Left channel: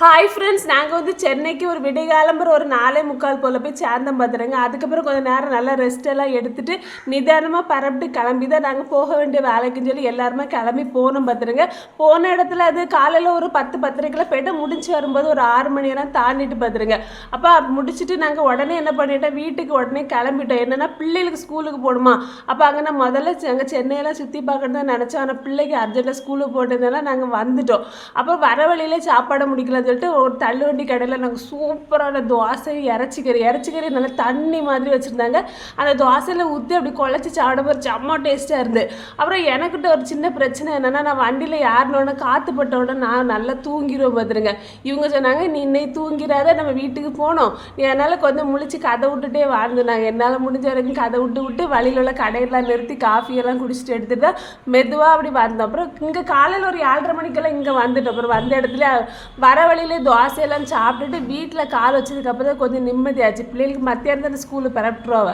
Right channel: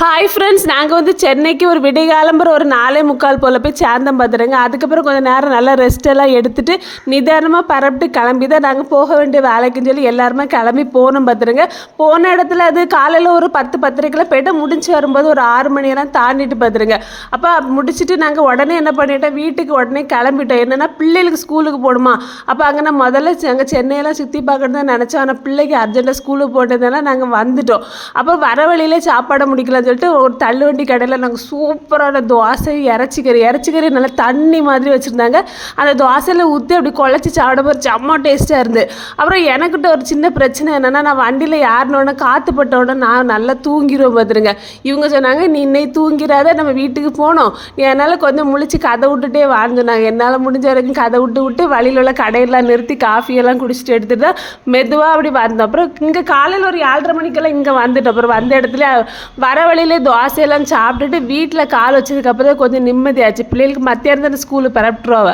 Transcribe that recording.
Hi friends, நாங்கள் வந்து சென்னைக்கு ஒரு விடிகாலம்புற ஒரு 4:45 போல் போய் சேர்ந்தோம் பார்த்துருங்க. அதுக்கப்புறம் கொஞ்சம் நேரம் நல்லா ரெஸ்ட் எல்லாம் எடுத்துகிட்டு நிதானமாக பரப்பிட்டு கிளம்பி தான் நாங்கள் போக வேண்டிய வேலைக்குன்னு சொல்லி எல்லாருமே கிளம்பி போனோம் பார்த்துருங்க. போன இடத்துல அது காலையில் ஒரு 10-10:30 போய்ட்டு முடிச்சு வரும்போது ஒரு 6 மணியெல்லாம் தாண்டிட்டு பார்த்துருங்க. அப்போ முடிச்சுட்டு நாங்கள் உடனே என்ன பண்ணிட்டோம், வீட்டுக்கு உடனே கிளம்பிட்டோம். என்னென்னா பிள்ளைகளுக்கு ஸ்கூலுக்கு போகணுமா. அப்போ அங்கே நான் முதல்ல அங்கே சென்னையெல்லாம் சுற்றி பார்க்கணும் தான் நினச்சோம். ஆனால் பிள்ளைக்கு அர்ஜென்ட்டாக ஸ்கூலுக்கு போட்டதுனால நாங்கள் வந்துட்டோம். அப்போ வர வழியிலே சாப்பாடை முடிக்கல சொல்லிட்டு ஒரு தள்ளுவண்டி கடையில் நாங்கள் சூப்பரான தோசை இறச்சிக்கறி நல்லா தண்ணி மாதிரி வச்சுருந்தாங்க. அந்த தோசையில் ஊற்றி அப்படி குழச்சி சாப்பிட செம்ம டேஸ்ட்டாக இருந்து. அப்புறம் எனக்கிட்ட ஒரு சின்ன பிரச்சனை என்னென்னா, நான் வண்டியில் யாருனோட காற்றுப்பட்டோட நான் நல்லா தூங்கிடுவேன் பார்த்துருங்க. இவங்க சொன்னாங்க, நீ இன்னைக்கு தூங்கிறாத, நம்ம வீட்டுக்கு போனோம், நீ என்னால் கொஞ்சம் முழிச்சு கதை விட்டுட்டே வான்னு சொன்னாங்க. என்னால் முடிஞ்ச வரைக்கும் கதை விட்டு வழியில் உள்ள கடையெல்லாம் நிறுத்தி காஃபியெல்லாம் குடிச்சிட்டு எடுத்துகிட்டு தான் மெதுவாக அப்படி வந்தோம். அப்புறம் இங்கே காலையில் ஒரு 7:30 மணிக்கெல்லாம் இங்கே வந்துட்டோம். அப்புறம் வந்த இடத்துல வர வழியிலே தோசையெல்லாம் சாப்பிட்டுட்டு வீட்டில் கால் வச்சதுக்கப்புறம் கொஞ்சம் நிம்மதியாச்சு. பிள்ளைகளுக்கு மத்தியானம் தானே ஸ்கூலு பரப்பிட்டுருவா.